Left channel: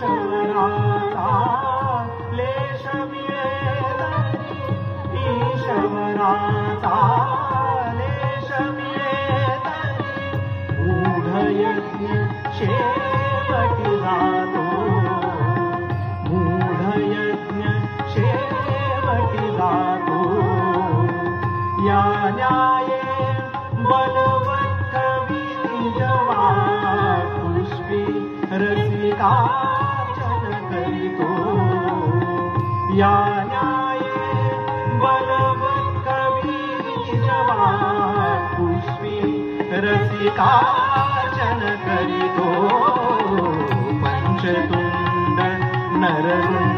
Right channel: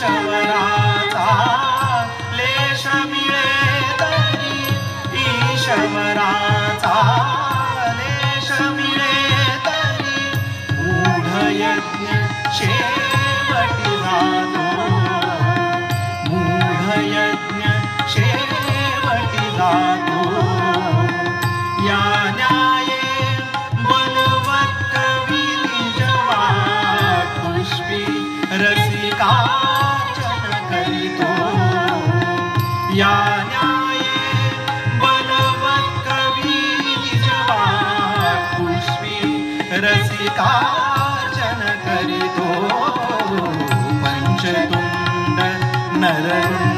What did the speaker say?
ईशवराचा लेश मिळे तरी ईशवराचा लेश मिळे तरी मूढ यज्ञ शेवटी जातो मूढ यज्ञ शेवटी जातो या न्याये बलवत कवी निजवा पुष्पी रसिकार्चन करीतो या न्याये बलवत कवी निजवा पुष्पी रसिकार्चन करीतो पंचतुंड नर